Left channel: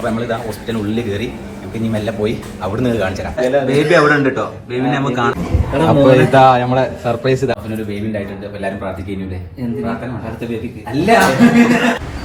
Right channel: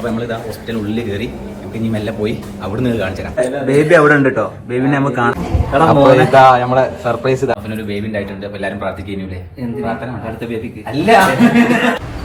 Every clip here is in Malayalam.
അപ്പൊ നമ്മളിതാ ഹോസ്പിറ്റലിനുള്ളിൽ കയറി നമുക്ക് ഇനി മെല്ലെ പോയി അവിടുന്ന് കാണിച്ചു തരാം ബേബി അവിടെ ഉണ്ട് കേട്ടോ ബേബിനെ നമുക്ക് കാണാം. ഇതാ നമ്മളെ സർപ്രൈസ് ഇതാ. അവനൊരു ബേബി ഉണ്ടായിട്ടുണ്ട്. അപ്പൊ എല്ലാരും പ്രാർത്ഥിക്കുന്നില്ലേ പ്രാർത്ഥന അടുത്ത ബേബിക്ക് അല്ല.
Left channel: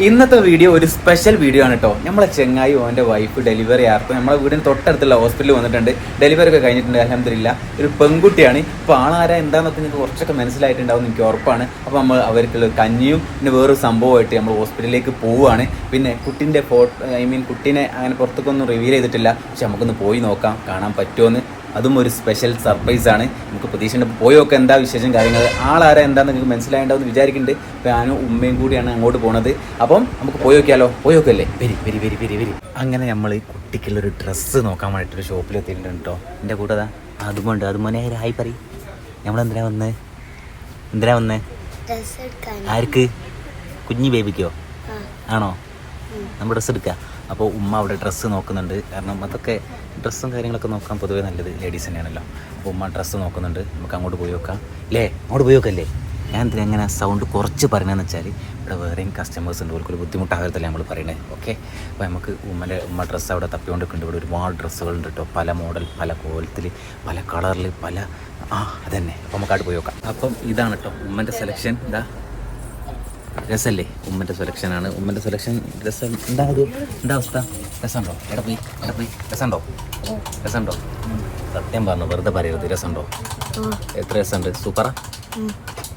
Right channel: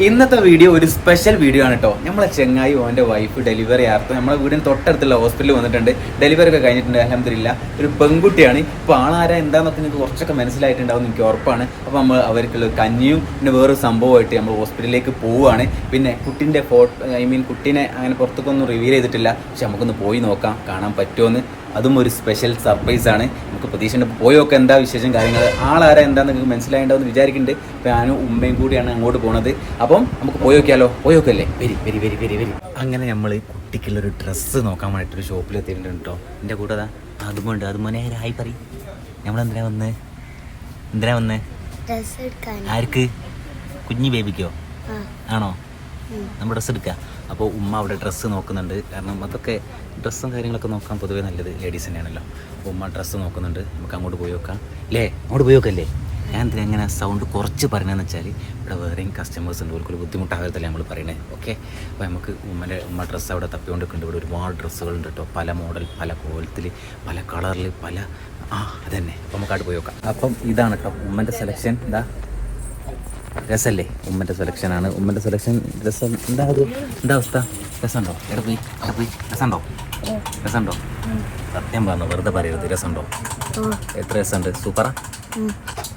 ഇന്നത്തെ വീഡിയോ ഒരു സ്പെഷ്യൽ വീഡിയോ ആണ് കേട്ടോ നമ്മളെ ചെങ്ങായി ഓന്റെ വൈഫ് ഡെലിവറി ആർക്കും നമ്മളെ വീടിന് തൊട്ടടുത്തുള്ള ഹോസ്പിറ്റലിൽ വന്നിട്ടുണ്ട്. ഡെലിവറി ഒക്കെ കഴിഞ്ഞിട്ടുണ്ട്. അലഹമില്ല ഒരു പെൺകുട്ടിയാണ്. ഇപ്പൊ ആളാരാ എന്താന്നൊക്കെ നിങ്ങൾക്ക് കുറച്ചൊക്കെ മനസ്സിലായിട്ടുണ്ടാവും എനിക്ക് ഉറപ്പാണ്. അപ്പോൾ നമ്മൾ അവർക്കുള്ള കഞ്ഞിയും പിന്നെ വേറൊരു സംഭവമായിട്ട് നമ്മൾ ഹോസ്പിറ്റലിലേക്ക് പോവുകയാണ് പിന്നെ കുട്ടിന്റെ ഫോട്ടോ ഐ മീൻ കുട്ടീനെ അങ്ങനെ പുറത്തേക്കൊന്നും റിവീൽ ചെയ്തിട്ടില്ല. പക്ഷെ നമുക്കൊന്ന് പോയി നോക്കാം. കാണാൻ പറ്റുമോന്ന് അതും ഒരു സ്പെഷ്യൽ സർപ്രൈസ് ആണ്. നമുക്ക് പ്രതീക്ഷയുണ്ട്. പോയൊക്കെ എന്താ വിശേഷം കാര്യങ്ങൾ ആളാരാ എന്താന്ന് നിങ്ങൾക്ക് മനസ്സിലായിട്ടുണ്ടെന്ന് വിചാരിക്കുന്നുണ്ട് അപ്പോൾ ഞാനും ഉമ്മയും കൂടിയാണ് അങ്ങോട്ട് പോണത്. അപ്പം നമുക്ക് പോയോക്കിയാലോ? പോയോക്കല്ലേ? Very very very very very. അങ്ങനെ നമ്മൾ കുട്ടിക്കുള്ളൊരു ഡ്രസ്സ് നോക്കാൻ വേണ്ടിയിട്ട് ഒരു ഷോപ്പിൽ എത്തിയിട്ടുണ്ട് കേട്ടോ എന്റെ കൂടെ അതാ. അതുമുണ്ട് അതുമോനെ ഹായ് പറ നമ്മൾ എന്തിനാ വന്ന്? എന്തിനാ വന്ന് ആർക്ക്? കുഞ്ഞി ബേബിക്കോ ആണോ. നമ്മൾ ഡ്രസ്സ് എടുക്കുക. അപ്പോൾ ഉമ്മ അവിടെ ഡ്രസ്സ് നോക്കുന്നുണ്ട്. കാരണം അതൊക്കെ ഡ്രസ്സും കാര്യങ്ങളൊക്കെ നോക്കാൻ പൊതുവേ നല്ലത് ലേഡീസ് തന്നെയാണല്ലോ. അപ്പോൾ ഉമ്മ ഡ്രസ്സ് നോക്കുന്നുണ്ട്. നമുക്ക് അങ്ങോട്ട് പോയി നോക്കാം. അല്ലേ അങ്ങോട്ട് പോയി നോക്കല്ലേ? ഞാൻ എന്തിനാ എങ്ങനെ സൗണ്ട് കുറച്ച് പറഞ്ഞതെന്ന് വെച്ചാൽ ഇവിടെ വേറെയും കസ്റ്റമേഴ്സ് ഉണ്ട്. അവർക്കൊരു ബുദ്ധിമുട്ടാകരുതല്ലേ നമ്മൾ പറയണേ. ഓക്കെ അപ്പോൾ നമുക്ക് ഉമ്മന്റെ ഉമ്മ ഡ്രസ്സ് അവിടെ തപ്പിക്കൊണ്ടിരിക്കുന്നുണ്ട്. ഇവിടെ ഒരുപാട് ഡ്രസ്സുകളുണ്ട് കേട്ടോ പല മോഡൽ പല കോലത്തിൽ പല കളറിൽ പല ആ അതന്നെ. അപ്പോൾ നമുക്ക് അവിടെ പോയി നോക്കാം. അപ്പം ഇതാണ് കേട്ടോ ഉമ്മന്റെ സെലക്ഷൻ ഇതാ. രസല്ലേ? ഉമ്മന്റെ സെലക്ഷനാണ് ഉമ്മന്റെ സെലക്ഷൻ രസം എന്താ അത്? എന്താ അവസ്ഥ? രസമുണ്ടോ? എവിടെ പോയി എവിടെ പോയി. രസമുണ്ടോ? രസമുണ്ടോ? സത്യം പറഞ്ഞു വെറുതെ പറയരുത്. രസമുണ്ടോ? എത്ര രസമുണ്ട്? സൂപ്പറാ.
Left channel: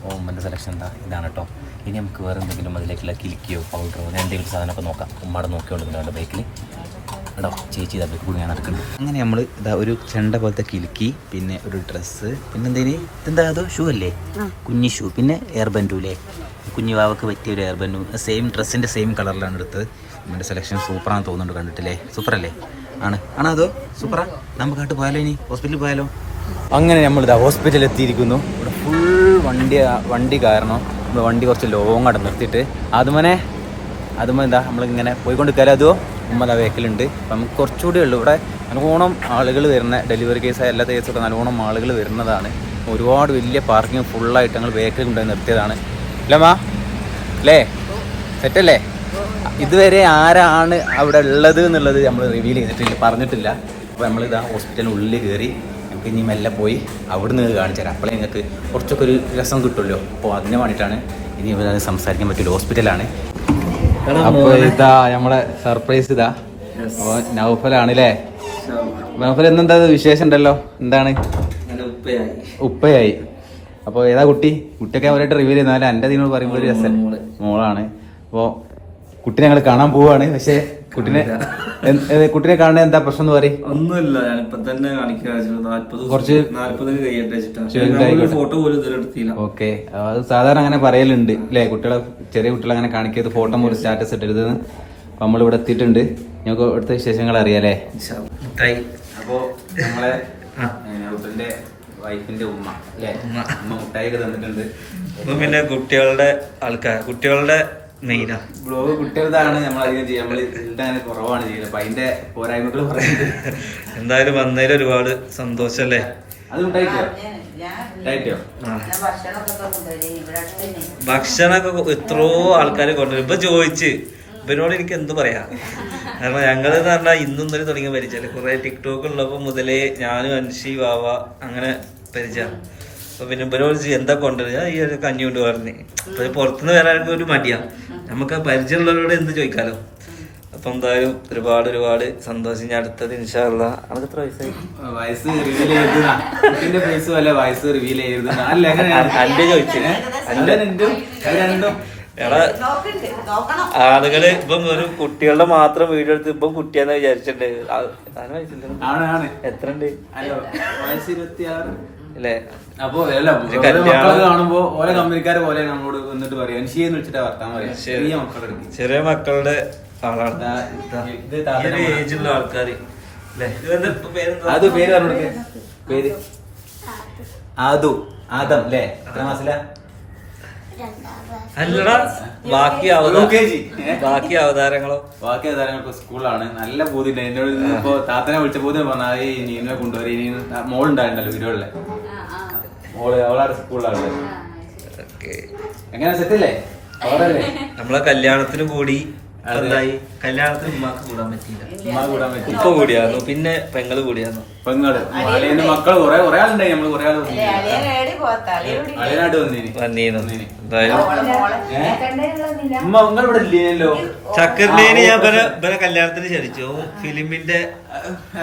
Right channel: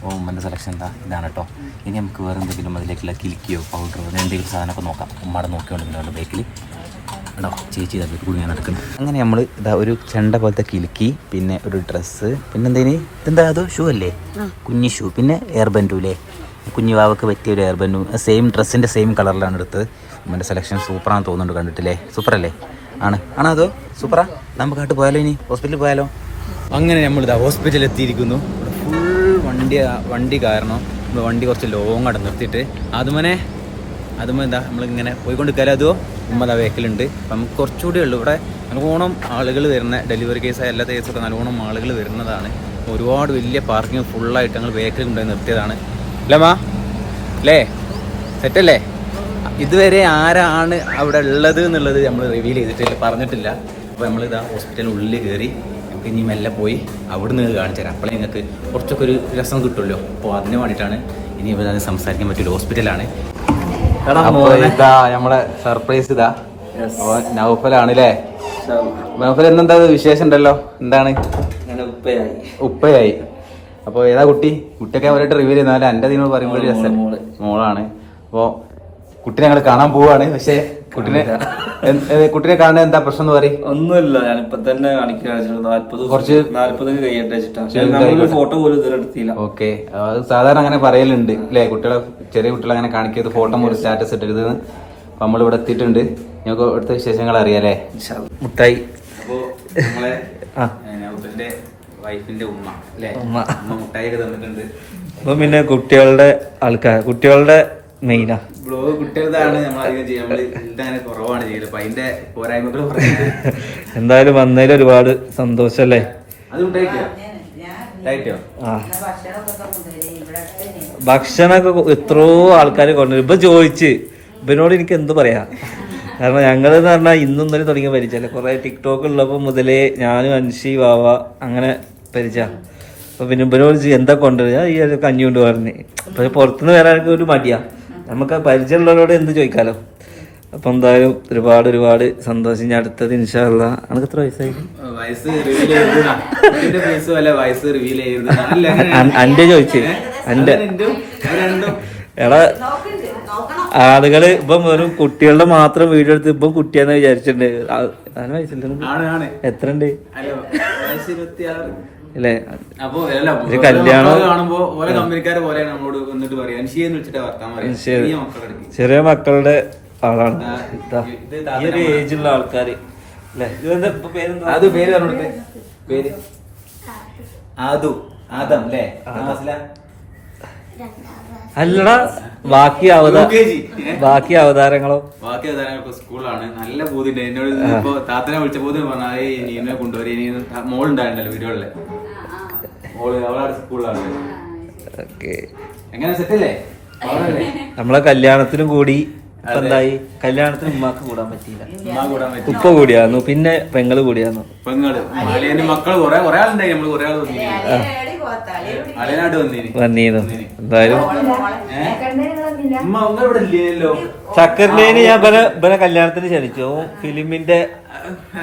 ഓ ഉമ്മന്റെ സെലക്ഷൻ എന്താ? ഇതാണ് കേട്ടോ. ഇനി നമുക്ക് വേറെ എന്തെങ്കിലും അതിലേക്കുള്ള കിലിക്കിയോ പൗഡറോ അങ്ങനെ എന്തെങ്കിലും സാധനമൊക്കെ നോക്കാം. ഉമ്മയുടെ നോക്കിയോണ്ട് പിന്നെ ബൈക്കിൽ കേട്ടോ ചേച്ചി ഇതാ ഞാൻ നടക്കുന്നു. അങ്ങനെ നമ്മൾ ഇതാ ഒരു ചെണ്ട പോലത്തെ കിലുക്കി പിന്നെ ഒരു ഡ്രസ്സ് പിന്നെ എന്തെങ്കിലും ഇതെന്താ അതോ? ഷൂ അല്ലേ. കുഞ്ഞി ഷൂ പിന്നെ എയർ ബൻഡു അല്ലേ കുഞ്ഞു വാവക്ക് പറ്റിയ ഒരു എയർബനും സെയിം ഡ്രസ്സിന്റെ സെയിം കളറിലാണ് എടുത്തത്. ഉമ്മന്റെ സെലക്ഷൻ സൂപ്പറാണെന്ന് തോന്നുന്നുണ്ട് കണ്ടിട്ടില്ലേ? സൂപ്പറല്ലേ ആണ്. ആണോ അതോ? സൂപ്പറാ നമുക്ക് ആട്ട് പോയാലോ ഇനി? ഹോസ്പിറ്റലിൽ പോയാലോ? അങ്ങനെ നമ്മൾ ഇതാ ഹോസ്പിറ്റലിൽ എത്തിയിരിക്കുന്നു. ഇവിടെ ഫുൾ വണ്ടി വണ്ടി കാരണം നമ്മൾ വണ്ടി കുറച്ച് ലോങ് അവിടെ നിർത്തിയിട്ട്. അതുമനെ അതുമോ എന്താ? നമ്മളിങ്ങനെ പോയിക്കൊണ്ടിരിക്കാലോ അതോ? ഉമ്മ ദാ വേക്കലുണ്ട്. അപ്പം നമുക്ക് കുറച്ചുകൂടി ഉള്ളൂ. ഇവിടെ നല്ലോണം ആളുകൾ വരുന്ന ഡെലിവറി കേസ് എല്ലാ കേസൊക്കെ നല്ലോണം ആളുകൾ വരുന്നതാണ്. ഒരുപാട് വലിയ പാർക്കിംഗ് ഫുള്ളായിട്ട് ഞങ്ങൾ വേക്കൽ കൊണ്ടുപോയി നിർത്തിയതാണ്. അല്ലേ മാ? അല്ലേ? സെറ്റല്ലേ? ഇതുവരെ ആരാണ് അവിടെ ഉള്ളത് എന്നുള്ളത് നമ്മൾ റിവീൽ ചെയ്തിട്ടില്ല പറഞ്ഞിട്ടില്ല. അപ്പോൾ നമ്മൾ ഇതാ ഹോസ്പിറ്റലിന് ഉള്ളിൽ കയറി നമുക്ക് ഇനി മെല്ലെ പോയി അവിടെ നിന്ന് കാണിച്ചു തരാം. അപ്പോഴേ നിങ്ങൾക്ക് കുറച്ചൊക്കെ ഒരു രസം കിട്ടുമല്ലോ. അപ്പോൾ അതിന് വേണ്ടിയിട്ടാണ് ഇനി ഇവിടെ സംസാരിക്കാൻ പറ്റില്ല. ഹോസ്പിറ്റലാണ് ഇതാ നമ്മളെ സർപ്രൈസ് ഇതാ. നൗഫലാണ് അല്ലേ? നൗഫൽ. എന്നെന്താ വിശേഷം ഉണ്ടല്ലോ? എന്താണ്? ഉപ്പയായി. ഉപ്പയായി. അപ്പൊ ഏതാ കുട്ടി? കുട്ടിയൊക്കെ അവരായിട്ട് റിവ്യൂ ചെയ്യുന്ന. എന്റെ നിങ്ങൾ പറയുമ്പോൾ രസം. മോളാണ്. അപ്പോൾ കുട്ടിനെ ഞങ്ങൾ കാണാൻ പോവാണ്. പക്ഷേ കുട്ടിനെ കുട്ടിനെ കാണാൻ എന്താ പ്രശ്നം എന്ന് പറയും? ഒന്നുമില്ല. ഞാനിപ്പോ തന്നെ കുറച്ച് കഴിയട്ടെ ഫോട്ടോ പോലും ഇതുവരെ എടുത്തില്ല. ഓക്കെ. അത് സാധാരണ അങ്ങനെ പറയലുണ്ട്. അല്ലേ? കുട്ടികളെ ചെറിയ കുട്ടികളെ അങ്ങനെ കാണിക്കരുത്. ഫോട്ടോ പോലും സ്റ്റാറ്റസ് ഇട്ടരുത് നമ്മൾ ഇവിടെ എത്തിയിട്ടുണ്ട്. ഞങ്ങൾക്ക് ഇവിടുത്തെ വിശേഷങ്ങൾ അറിയാലേ മുട്ടായി. അപ്പോ ഞങ്ങളെ നൗഫലിന്റെ വൈഫിന്റെ ഉമ്മ അല്ലേ? ഉമ്മ. ഉമ്മ മുട്ടായിക്ക് തന്നിട്ടുണ്ട്. പിന്നെ കുട്ടികളുടെ ആൾക്കാർ കുട്ടികളുടെ മെയിനാ ബ്ലോഗ് കുട്ടികളതാണ് നമ്മൾ അധികം ചെയ്യുക. നമ്മൾ അങ്ങനെ കുറവാണ് ചെയ്യുന്നത്. അപ്പൊ അതിന്റെ പോരായ്മകൾ പറയുന്നത് എന്തായാലും വന്നതിൽ ഒരുപാട് സന്തോഷല്ലേ? അത് ഉണ്ടായിട്ടോ ഉണ്ടായിട്ടോ ഭക്ഷണമൊക്കെ കൊ- എത്രയോ ആൾക്കാരെ കൊണ്ടുവരും. ഇപ്പൊ ചോദിച്ച് ഇവനോട് എനിക്ക് എന്ത് പറയാ? കാരണം ഞങ്ങൾ എന്ന് പറഞ്ഞാൽ ഇന്നും ഇന്നലെ തുടങ്ങിയ പരിചയം കുറെ ടിക്ടോക്ക് ഉള്ളപ്പോ മുതലേ ഞാനും അൻഷി വാവ അങ്ങനെ പരിചയ. അപ്പൊ പിന്നെ ഇവരോട് എന്താ കൊണ്ടുവരിക? ഈ ഒരു കഞ്ഞി കൊണ്ട് പറഞ്ഞ്. അപ്പൊ പുറത്തുനിന്ന് വരാനൊക്കെ ഒരു മടിയാ. നമുക്ക് ആ പരിചയമുള്ളവരോട് എന്ത് ചോദിക്കാലോ? അപ്പൊ എന്തായാലും ഒരുപാട് ഒരുപാട് സന്തോഷം. ഞാൻ അടുത്തത് ഇൻഷാള്ള നമുക്ക് എത്ര വയസ്സായി? വയസ്സ് റിവീൽ കുട്ടിന്റെ ഫേസും അല്ല വയസ്സ് റിവീൽ ചെയ്തിരുന്ന അല്ല എങ്ങനെയാണ് അന്റെ ചോദിച്ചു. രണ്ടും. എടാ ആളുകൾ ഇപ്പം വെറും കുട്ടികളുടെ മാത്രം വീഡിയോ എടുത്ത് ഇപ്പം കുട്ടിയാന്ന് വിചാരിച്ചിട്ടുണ്ട്. എത്ര ഉണ്ട് വയസ്സ് ഇരുപത്തി ആറ് അല്ലേ അപ്പൊ അല്ല ഓരോ കല്യാണം- മക്കളൊക്കെ കാണുമ്പോ ഓരോ കമ്പനിക്കാര് പോലെ നമ്മളോട് വന്നിട്ട് പറയാം വിളിച്ചിട്ട് വർത്താൻ പറയാം. ചെറിയ മക്കളെടുക്ക്. ചെറിയ മക്കളുടെ ആളാണ്. ഏജുള്ള ആൾക്കാര്? അത് പേര് പറഞ്ഞു പേര്? ആദു. ആദം. അല്ലേ? എത്ര ക്ലാസ് അല്ലടാ ബാക്കി? ബാക്കി അവതാരങ്ങളോ? ബാക്കി അവതാരങ്ങളൊക്കെ സ്കൂളാണ് നല്ല ബോധ്യണ്ട് എന്നോട് ഇപ്പൊ താത്തനെ വിളിച്ച ബോധ്യം പറഞ്ഞാൽ നീനെ കൊണ്ടുവരും ഇനി മോളുണ്ടായിരുന്നല്ലോ വീടുകളിലെ. മോൾ അവളവിടെ സ്കൂളിലാണ്. എങ്ങനെ? സെറ്റല്ലേ? അവളല്ലേ നമ്മളെ കല്യാണത്തിനും കൂടി എന്തായി? കല്യാണത്തിന് ഉമ്മാക്ക് കൂടാൻ പറ്റില്ല ഉമ്മ കൂടാൻ പറ്റി ഇപ്പൊ കൂടിയായിരുന്നു. പിന്നെ പെങ്ങൾ കൂടിയായിരുന്നു. പെങ്ങൾ. മക്കൾ കൊറേ കൊറേ ആളുണ്ടായി. നമ്മൾ കൊറേ ആൾ ചക്കരലേന് ഞാൻ ഇവരെ ഇവനെ കല്യാണത്തിന് ക്ഷണിച്ചു. ഫിലിമിന്റെ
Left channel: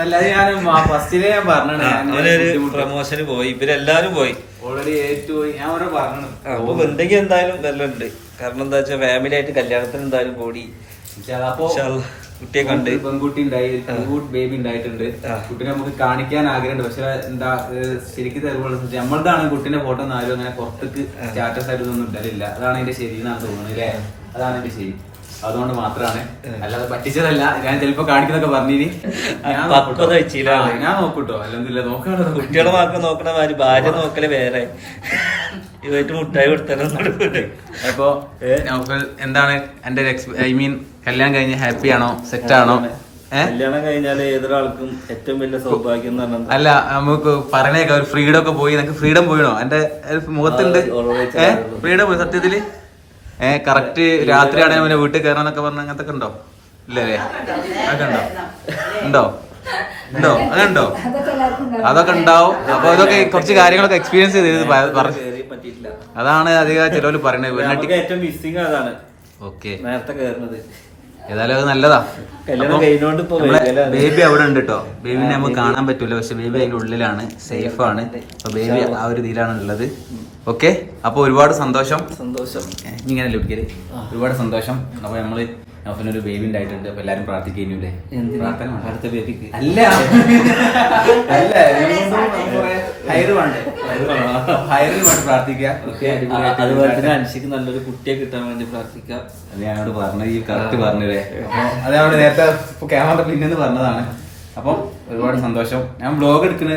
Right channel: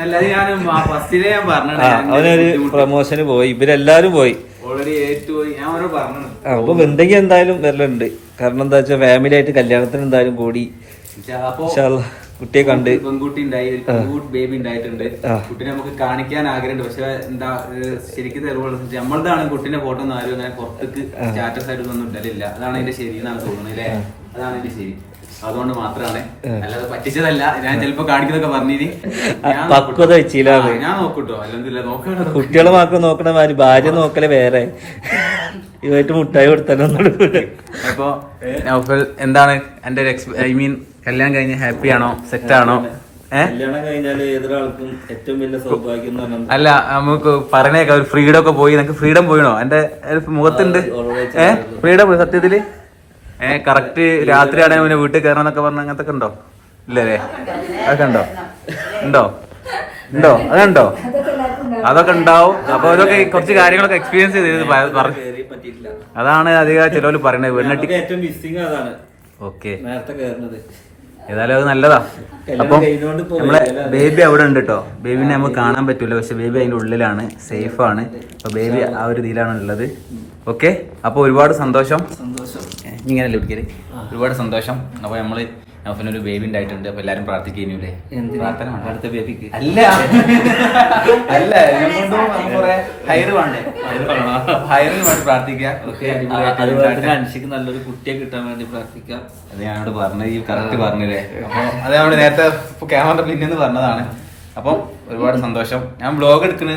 അല്ലാതെ ഞാൻ ഫസ്റ്റിലെ ഞാൻ അവനൊരു പ്രൊമോഷന് പോയി. ഇവരെല്ലാരും പോയി. ഓൾറെഡി ഏറ്റുപോയി. ഞാൻ ഓരോ പറഞ്ഞു അപ്പൊ എന്തെങ്കിലും എന്തായാലും വരലുണ്ട് കാരണം എന്താ വെച്ചാൽ ഫാമിലി ആയിട്ട് കല്യാണത്തിന് എന്തായാലും കൂടി. അപ്പൊ കുട്ടിയെ കണ്ട്. പെൺകുട്ടി ഉണ്ടായി ഒരു ക്യൂട്ട് ബേബി ഉണ്ടായിട്ടുണ്ട്. കുട്ടിനെ നമുക്ക് കാണിക്കാൻ ആഗ്രഹമുണ്ട്. പക്ഷെ എന്താ ശരിക്കും തെളിവുള്ള നമ്മളതാണ് കുട്ടിന്റെ ഫോട്ടോ ഒന്നും ആരും അങ്ങനെ പുറത്തേക്ക് സ്റ്റാറ്റസ് ആയിട്ട് ഒന്നും ഇടലില്ല. അതാണ് അതിന്റെ ശരി എന്നാണ് തോന്നുന്നത് അല്ലേ? അതാണ് എന്റെ ശരി. അതുകൊണ്ട് മാത്രമാണ് അല്ലാതെ പറ്റിച്ചതല്ല. ഞാൻ ചിലപ്പോ കാണിക്കുന്നൊക്കെ പറഞ്ഞിനി. ഞാൻ നോക്കൂട്ടോ. ഞാൻ നോക്കൂട്ടോ. അല്ലെങ്കിൽ നോക്കണോ കുട്ടികളെ മാത്രം നോക്കണ മാതിരി ഭാര്യ നോക്കൽ വേറെ. ഇതായിട്ട് മുട്ടായി അപ്പോ നൗഫൽ എന്താണ് എന്റെ ഐ മീൻ കല്യാണം കഴിഞ്ഞ് ഹാപ്പി ആണോ? സെറ്റ് ആണോ? കല്യാണം കഴിഞ്ഞാൽ ഏതൊരാൾക്കും ഏറ്റവും വലിയ സൗഭാഗ്യം എന്ന് അല്ല നമുക്ക് പറഞ്ഞേക്കാം ഒരു ഫ്രീഡം ഒക്കെ പോയി. നിനക്ക് ഫ്രീഡം പോയിണോ? എന്റെ മുഖത്തുണ്ട്. ഫ്രീഡം പോയി സത്യത്തിൽ? ഏ കറക്റ്റ് രാത്രിയാണെങ്കിൽ അവന് വീട്ടിൽ കയറണം എന്നൊക്കെ പറഞ്ഞ അങ്ങനത്തെ ഉണ്ടോ? ഇല്ലല്ലേ? അതൊക്കെ ഉണ്ടോ? ഉണ്ടോ? ഉണ്ടോ? അതുണ്ടോ അതൊക്കെ ഉണ്ടാവും. അപ്പൊ അതൊക്കെ കുറച്ച് കാര്യങ്ങളൊക്കെ എക്സ്പീരിയൻസ് ചെയ്ത് അതാണ് അധികം ചിലവർ പറയുന്നത് വീടിനെ ഏറ്റവും മിസ്സിംഗ് അതാണ്. ഓക്കെ നേരത്തെ കയറുന്നത് ഏതായാലും അത് നല്ലതാ. അപ്പം നമ്മളെ ബേബി അവിടെ ഉണ്ട് കേട്ടോ ബേബിനെ നമുക്ക് കാണാൻ പറ്റൂല പക്ഷെ ബേബി അതിന്റെ ഉള്ളിലാണ് സേഫ് ആണ്. അപ്പൊ ബേബി ആ ഒരു ഇതിലാണ് ഉള്ളത്. ഓക്കെ അപ്പൊ ഒരുപാട് സന്തോഷം. സന്തോഷം. ഇങ്ങനെ ലഭിക്കരുത് ഒരുപാട് സന്തോഷം. അപ്പൊ നമ്മൾ നൗഫലിന് ഒരു ബേബി ഉണ്ടായിട്ടുണ്ട്. അപ്പൊ എല്ലാരും പ്രാർത്ഥിക്കുന്നൂലേ? പ്രാർത്ഥന. അടുത്ത ബേബിക്ക് അല്ല. അല്ല ഹൈറ് വേണ്ടേ? ഹൈറിന് വേണ്ടി പ്രാർത്ഥിക്കുക. തന്നെ നല്ലൊരു കുട്ടിയെ കിട്ടാൻ വേണ്ടി പ്രാർത്ഥിക്കാം. അത് ഞാനോട് പറഞ്ഞത് ഈ കറക്റ്റ് പറഞ്ഞതേ അപ്പൊ അത് നമ്മൾ നേരത്തെ ക്യാമറ പിന്നെന്ന് പറഞ്ഞതാണ്. അപ്പം ഒരുപാട് സന്തോഷം. ഞാൻ ബ്ലോഗ് എടുക്കുന്ന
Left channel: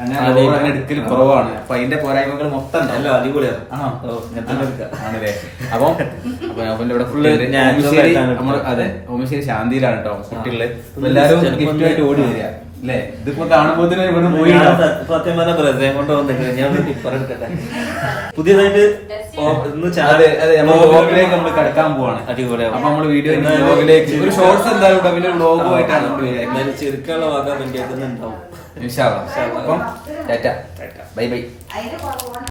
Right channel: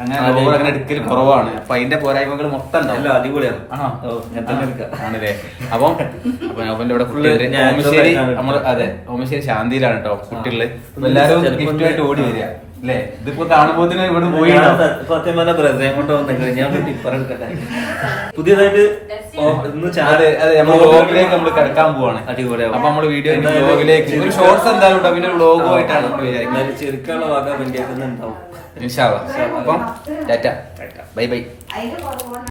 അങ്ങനെ ബ്ലോഗ് അങ്ങനെ എടുക്കൽ കുറവാണ്. അപ്പൊ അതിന്റെ പോരായ്മകൾ മൊത്തം ഉണ്ടാവും. അടിപൊളിയാണ്. ആണല്ലേ? അപ്പം അപ്പൊ നോഫലിന്റെ ഇവിടെ ഫുള്ള് ഓമശ്ശേരി നമ്മൾ അതെ ഓമശ്ശേരി ശാന്തിയിലാണ് കേട്ടോ കുട്ടികൾ. എല്ലാരും എല്ലാവരും ഗിഫ്റ്റുമായിട്ട് ഓടി വരിക. അല്ലേ ഇതിപ്പോ കാണുമ്പോ ഇവിടെ പോയി സത്യ- പറഞ്ഞ ബ്രദറെ കൊണ്ട് വന്നിട്ട് ഞാൻ പുതിയതായിട്ട് വ്ലോഗിലേക്ക് നമ്മൾ കിടക്കാൻ പോവാണ്. അടിപൊളിയാവും. അപ്പൊ നമ്മൾ വീഡിയോ വ്ലോഗിലേക്ക് ഒരു ഷോർട്സ് എന്തായാലും ഉണ്ടാവും പിന്നെ വ്ലോഗുമായിട്ടാണ് നമ്മൾ വിചാരിക്കുന്നത്. എന്നാലും ചെറുക്കാനുള്ള. അപ്പം ടാറ്റ. Bye bye.